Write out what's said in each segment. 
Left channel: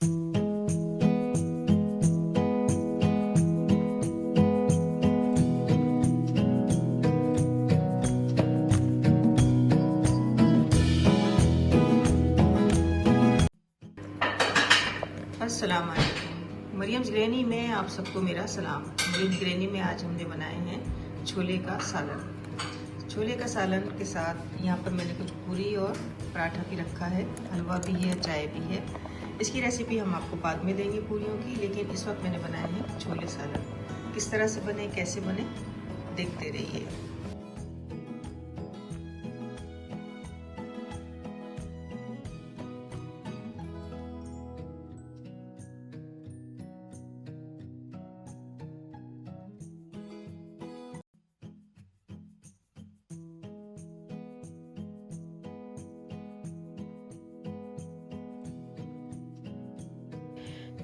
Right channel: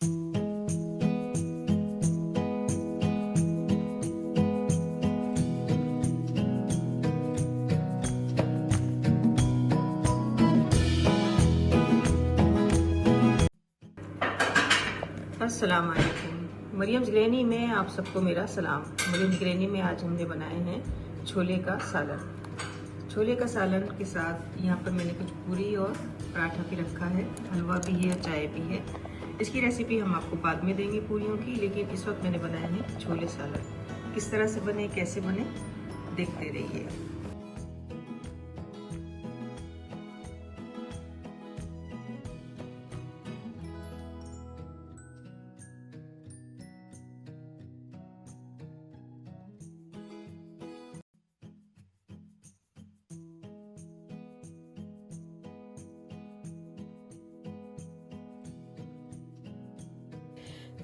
अस्सलाम वालेकुम। Mariam's granny में आप सबको मेरा सलाम। मरियम्स ग्रैनी में आज हमने बनाए हैं छोले का सालन। छोले का सालन के साथ यहाँ पर मैंने कुछ पूरी और पराठा भी रखा है, हलवा भी है, चाय भी है। इसकी रेसिपी हम आपको बाद में देंगे पूरियों की, लेकिन इस वक्त मैंने बनाए हैं छोले सालन। किस तरह से बने, कैसे बने, देखते रहिए।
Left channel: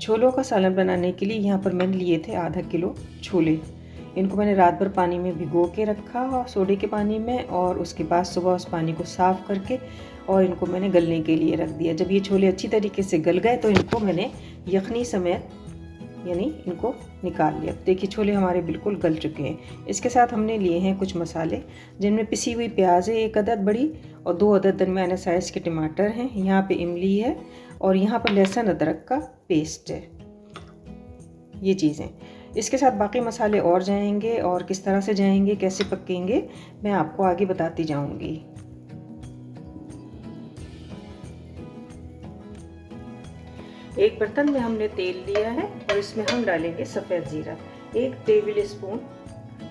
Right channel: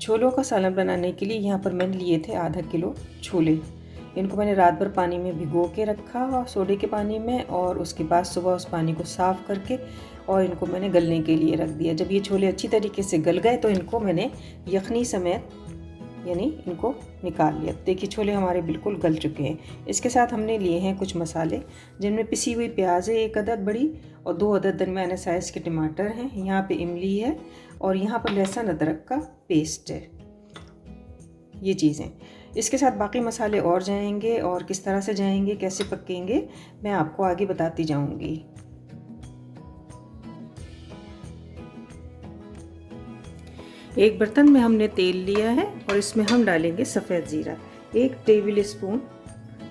छोलों का सालन बनाने के लिए यहाँ पर मैंने लिए थे आधा किलो छोले। इनको मैंने रात भर पानी में भिगो के रखा और सोडे के पानी में, और उसके बाद सुबह उस पानी को साफ़ करके और इनको मैंने गलने के लिए रख दिया। जब ये छोले अच्छी तरीके से गल गए तो इनको मैंने यखनी समेत यानी इनको निकाल लिया। देखिए छोले हमारे बिल्कुल गल चुके हैं। इसके साथ हमने लिए हैं कुछ मसाले, जिनमें पिसी हुई प्याज है 1 अदद बड़ी, और 2 अदद दरमियाने साइज़ के टमाटर हैं। यहाँ पे इमली है, और यहाँ पर लहसुन अदरक का पेस्ट है। ये चीज़ें इसके साथ बाकी मसाले और जाएंगे, और किस तरह से जाएंगे, कैसे पकेंगे, मैं आपको आगे बताती जाऊँगी। एक बर्तन में हमने तेल लिया है और इसमें हम डालेंगे सफ़ेद ज़ीरा। 1 टेबल स्पून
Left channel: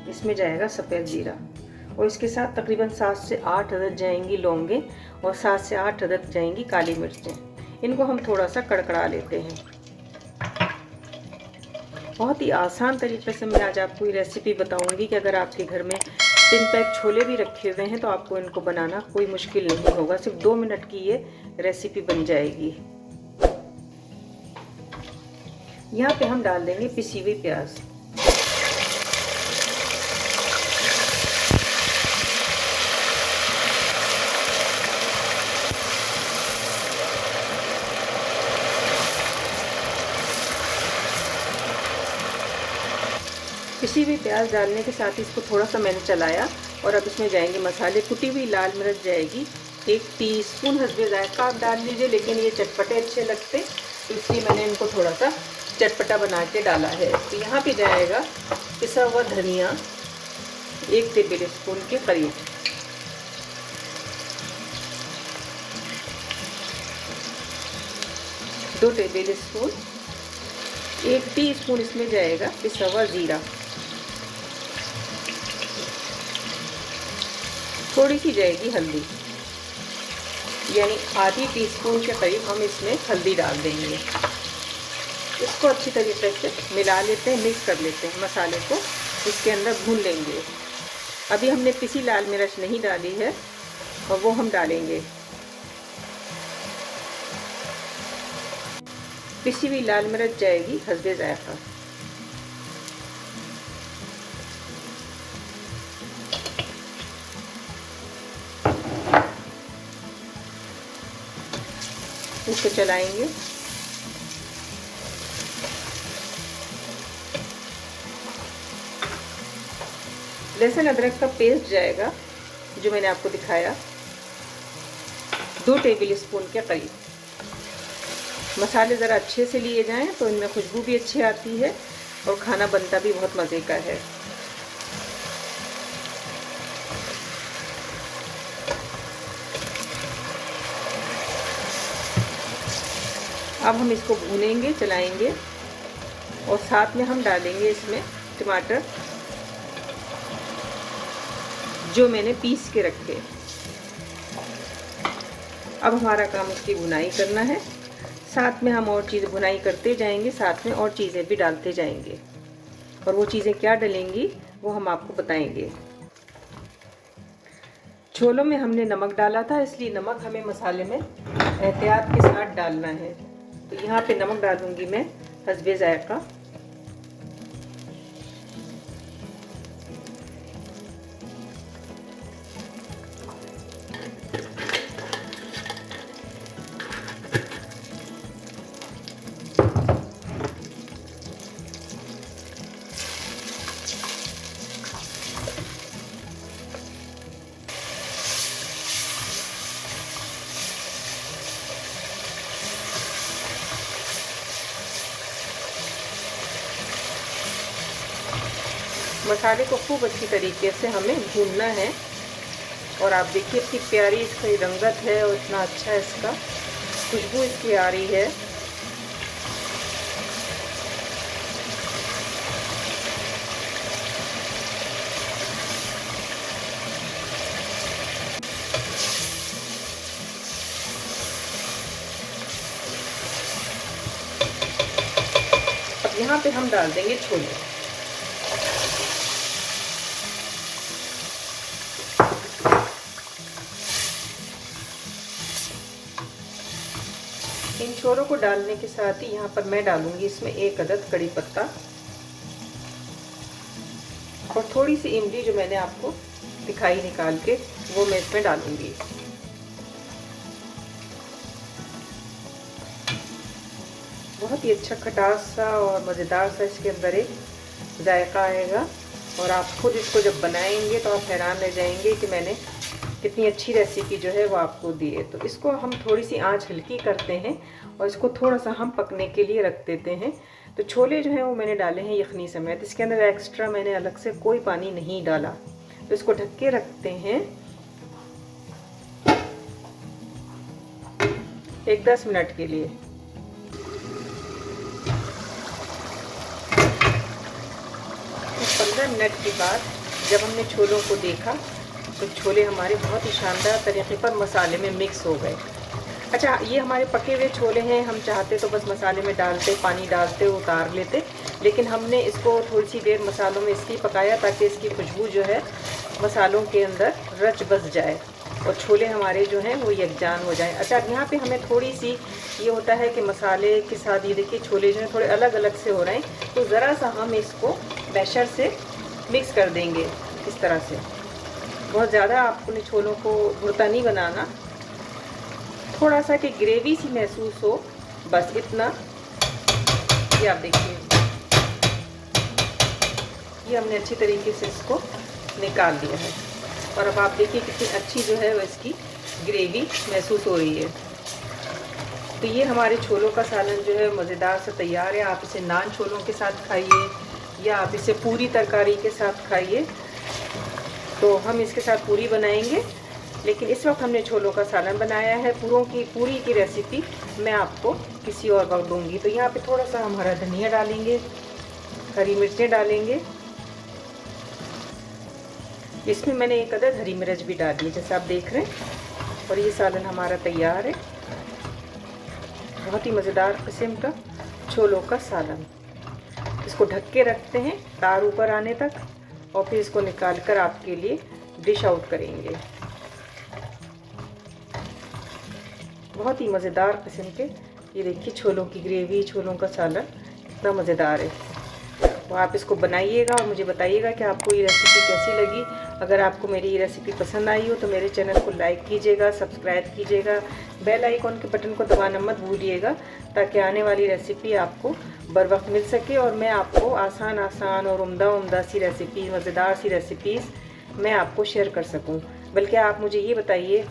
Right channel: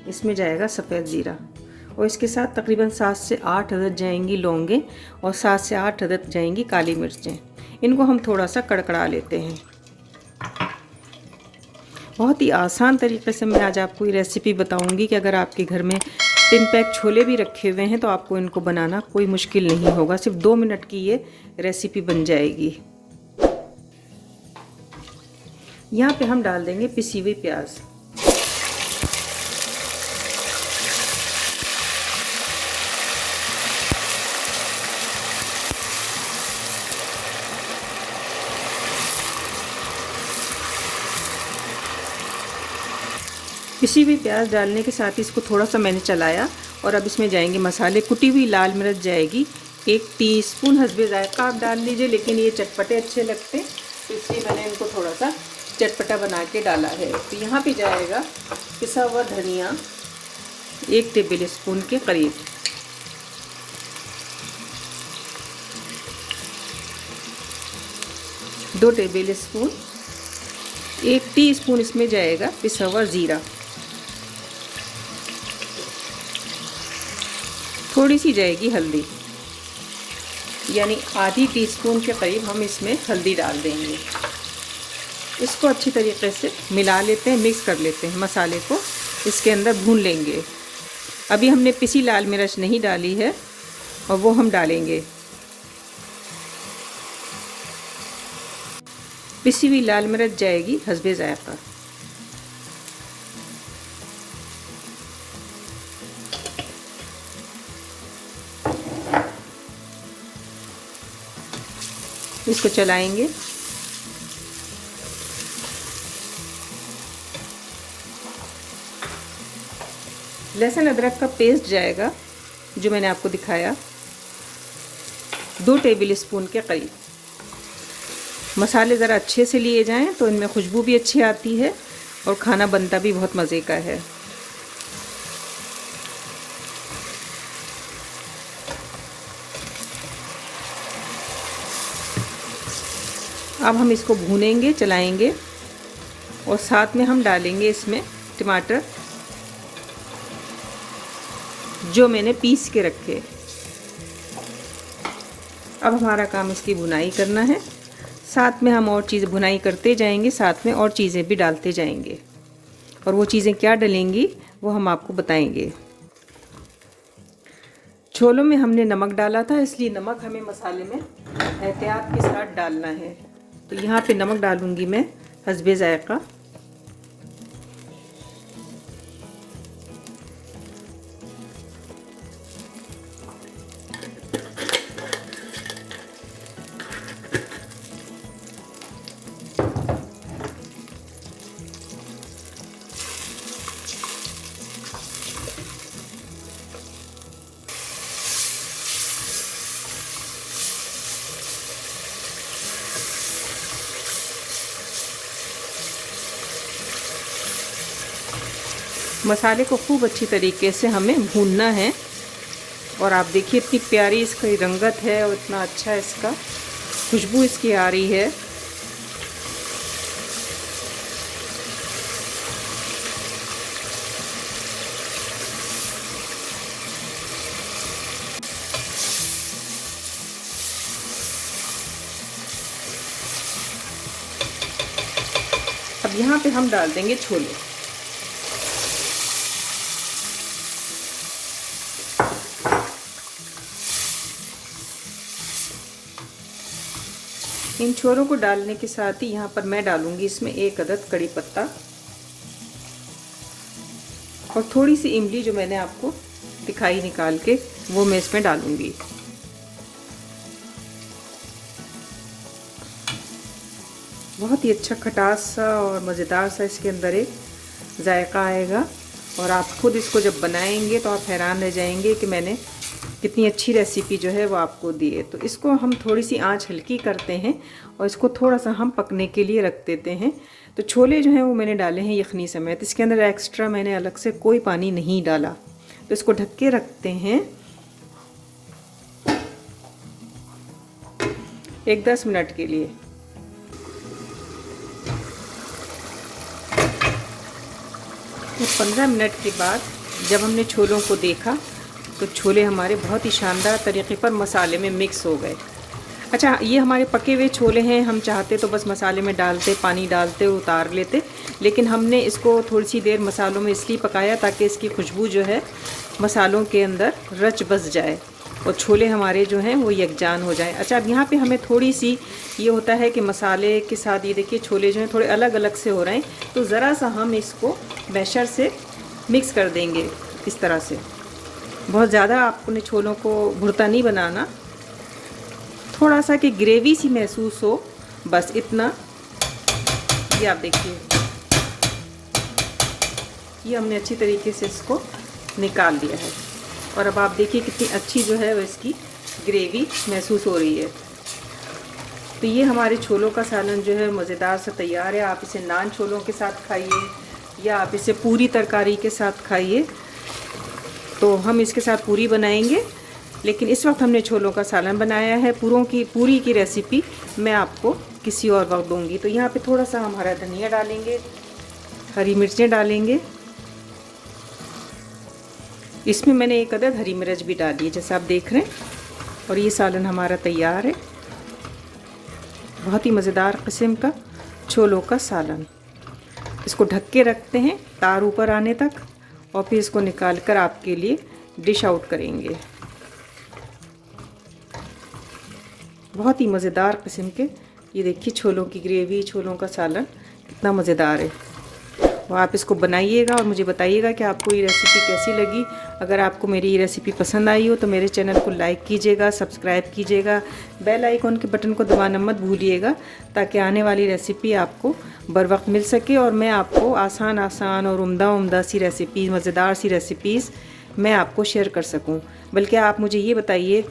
इसमें जाएगा सफ़ेद ज़ीरा, और इसके साथ तकरीबन 7 से 8 अदद जाएंगी लौंगे, और 7 से 8 अदद जाएंगी काली मिर्चें। इनको हम थोड़ा सा कड़कड़ा लेते हैं। बहुत ही आसान तरीके से मैं आज आपको ये रेसिपी बताऊंगी कि अगर आपके घर में 3 पैक छोले भी रखे हुए हैं तो आपको इनको बनाना कोई मुश्किल नहीं होगा। सिर्फ 2 मिनट की ये रेसिपी बन जाएगी। यहाँ पे हम डाल देंगे पिसी हुई प्याज। पिसी हुई प्याज डालने के साथ ही इसको थोड़ा सा मैंने चलाया, और अब इसमें जाएंगे मसाले। कुटी हुई लाल मिर्च जाएगी 1 टीस्पून, हस्बे जायका आप डाल लीजिए, लेकिन ये चटपटे अच्छे लगते तो इसलिए मैंने इनको थोड़ा सा चटपटा बना के डाला है। तो यहाँ पे जाएगा पिसा हुआ धनिया 1 टेबल स्पून के करीब, दो टेबल स्पून, 1 टीस्पून इसमें जाएगा पिसा हुआ ज़ीरा, थोड़ी सी जाएगी हल्दी, यानी आधी टीस्पून के करीब हम इसमें हल्दी डाल देंगे। इसको अच्छी तरीके से मिला लेते हैं, मिक्स कर लेते हैं। मसाले को इसके अंदर भून लेंगे। अभी हमने पिसी लाल मिर्च नहीं डाली है, और वो हम डालेंगे। पिसी हुई लाल मिर्च जाएगी हस्बे जायका। इसको चलाएंगे। लहसुन अदरक का पेस्ट जाएगा जो मैंने आपको दिखाया, 2 टेबल स्पून के करीब। मसाले ज़रा अच्छे से लिए जाएं तो इनमें खुशबू भी अच्छी आती है और खाना बनता भी बहुत मज़े का है। अब हम इसको भूनेंगे, चलाएंगे, और साथ में हम डालेंगे इसमें टमाटर जो मैंने पीस के रखे। अब हमारा काम इसकी भुनाई करना है। साथ में हम और चीज़ें भुनाई करते जाएंगे, साथ में और चीज़ें भी डालते जाएंगे, और वो चीज़ें क्या डलेंगी वो हम आपको बताएंगे। छोलों में हमने नमक डाला था, इसलिए नमक हमें मसाले में एहतियात के साथ डालना है। तो यहाँ पे नमक डालूंगी मैं हस्बे जायका। मसाले को खूब अच्छी तरीके से हमें भूनना है। और आप देखिए इतनी प्यारी इसकी रंगत है और इतना अच्छा इसका खुशबू इसकी आ रही है। अब यहाँ पे हम डाल देंगे छोले। इन छोरों को डालने के साथ ही यहाँ पर मैं डालूंगी इसमें 1 अदद कड़ी पत्ता और थोड़ी सी इमली जो मैंने आपको दिखाई निकाल के वो मैं इसमें डालूंगी। बहुत ही अच्छा खटास सा और मज़ेदार सा इसके अंदर एक जायका आएगा और आप खुद इसको जब बनाएंगे तो आप हैरान रह जाएंगे कि मैंने कितनी अच्छी रेसिपी जो है वो आपको दी है। तो इसको हम थोड़ी सी आंच हल्की करते हैं और इसको थोड़ा सा हम पकने के लिए रख देते हैं। तो छोले जो हैं वो मैंने डाले हैं यखनी समेत, इसके अंदर एक्स्ट्रा मैंने अलग से कोई पानी नहीं डाला। तो इसको ढक के रखते हैं 10 मिनट के लिए। तो 15 मिनट के बाद जब हमने छोलों को देखा तो छोले हमारे बहुत ही शानदार तरीके पर मसाले में मिक्स हो गए। अच्छा, ये हमारे पके हुए छोले हैं, हम चाहते तो बस मसाले में डालते, पानी डालते, उतार लेते, लेकिन हमने इसको थोड़ी सी देर मसालों में इसलिए पकाया ताकि इसकी खुशबू जो है मसालों के अंदर रच बस जाए और छोले हमारे जो हैं वो यकजान हो जाए। अच्छा, अब यहाँ पे हमें थोड़ी सी ये होता है कि मसाले के साथ ये देखिए छोले जो हैं थोड़े अलग अलग से हो रहे हैं, तो ज़रा सा हम इसको मैशर से मिक्स कर देंगे इस तरह से। बहुत ज़्यादा आपने छोलों को भुरता नहीं बनाना, थोड़ा सा कि ग्रेवी सी महसूस हो, बस इतना। ये आप देखिए, ये हमने अच्छी तरीके से इसको निकाल दिया है और अब आप देखिए कितनी अच्छी जो है वो इसकी ग्रेवी महसूस हो रही है। तो ये हमारे छोलों का सालन जो है मज़ेदार सा तैयार है। आप इसे नान छोलों के साथ खाइए या आप इसे पूरी तरकारी के साथ खाइए। तो हम इसके साथ पूरी बनाएंगे, लेकिन इस वक्त हमने छोलों का सालन बनाया है। पूरी की रेसिपी मैं आपको किसी और वक्त दूंगी। तो यहाँ पे थोड़ा सा हम हरा धनिया डालेंगे, हरी मिर्चें डालेंगे, इसमें मैंने 1 अदद हरी मिर्च भी डाली है जैसा आप देख रहे हैं। और ये सालन हमारा तैयार है, बहुत ही मज़ेदार किस्म का छोलों का सालन। इसको ढक के रखते हैं तार ऊपर आने तक और फिर इसको निकाल कर आपके लिए डिश आउट करेंगे। बहुत ही मज़ेदार किस्म के ये देखिए छोलों की ग्रेवी, छोलों का सालन कितना मज़ेदार है। तो आप इसको बनाइएगा और मुझे बताइएगा कि आपको ये रेसिपी कैसी लगी। अगर आपको मेरी ये रेसिपी पसंद आई हो तो मेरे चैनल को लाइक कीजिएगा, सब्सक्राइब कीजिएगा, बेल आइकॉन के बटन को दबाना मत भूलिएगा ताकि आने वाली रेसिपी आपको बर वक्त मिल सके और मैं आपको आसान और उम्दा सी रेसिपी, मज़ेदार सी रेसिपीज़ मैं आपको शेयर कर सकूं। बल्कि आप मुझे ये बताइए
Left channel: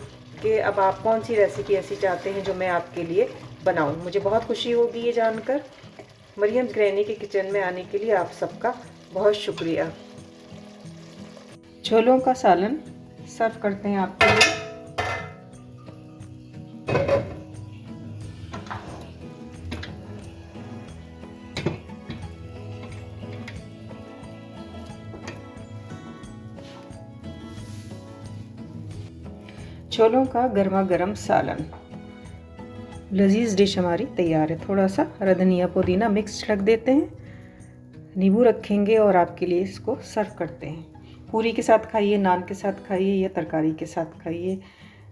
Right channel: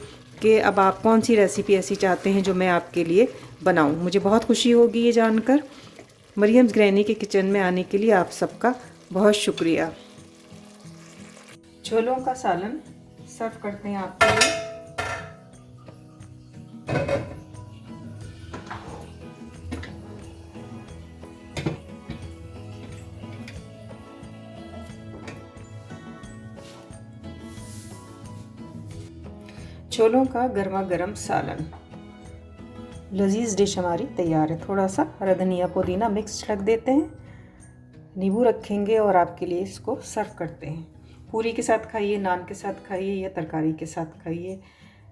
कि अब आप कौन सी रेसिपी ऐसी चाहते हैं जो मैं आपके लिए बनाऊं। मुझे बहुत खुशी होगी ये जानकर। मरियम्स ग्रैनी के किचन में आने के लिए आप सबका बहुत शुक्रिया। छोलों का सालन सर्व करते हैं आपके लिए। छोलों का गर्मा गर्म सालन, लजीज डिश हमारी तैयार है। थोड़ा सा हरा धनिया पुदीना मिक्स रख देते हैं, नींबू रखेंगे और आपके लिए इसको सर्व करते हैं। पूरी के साथ खाइए, नान के साथ खाइए या तरकारी के साथ खाइए,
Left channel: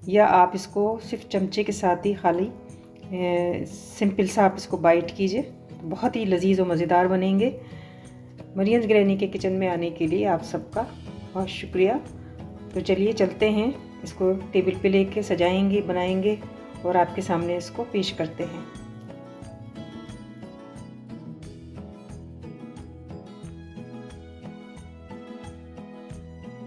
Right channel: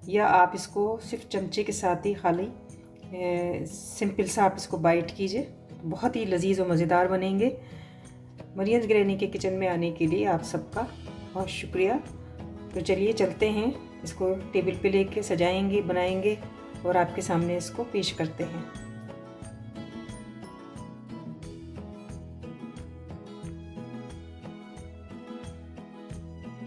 या आप इसको सिर्फ चमचे के साथ ही खाली सिंपल सा आप इसको बाइट कीजिए, बहुत ही लजीज और मज़ेदार बनेंगे। मरियम्स ग्रैनी के किचन में आने के लिए आप सबका बहुत शुक्रिया। तो चलिए चलते हैं, इसको टेबल पे लेके सजाएंगे, बनाएंगे और आपके सामने इसको पेश करते हैं।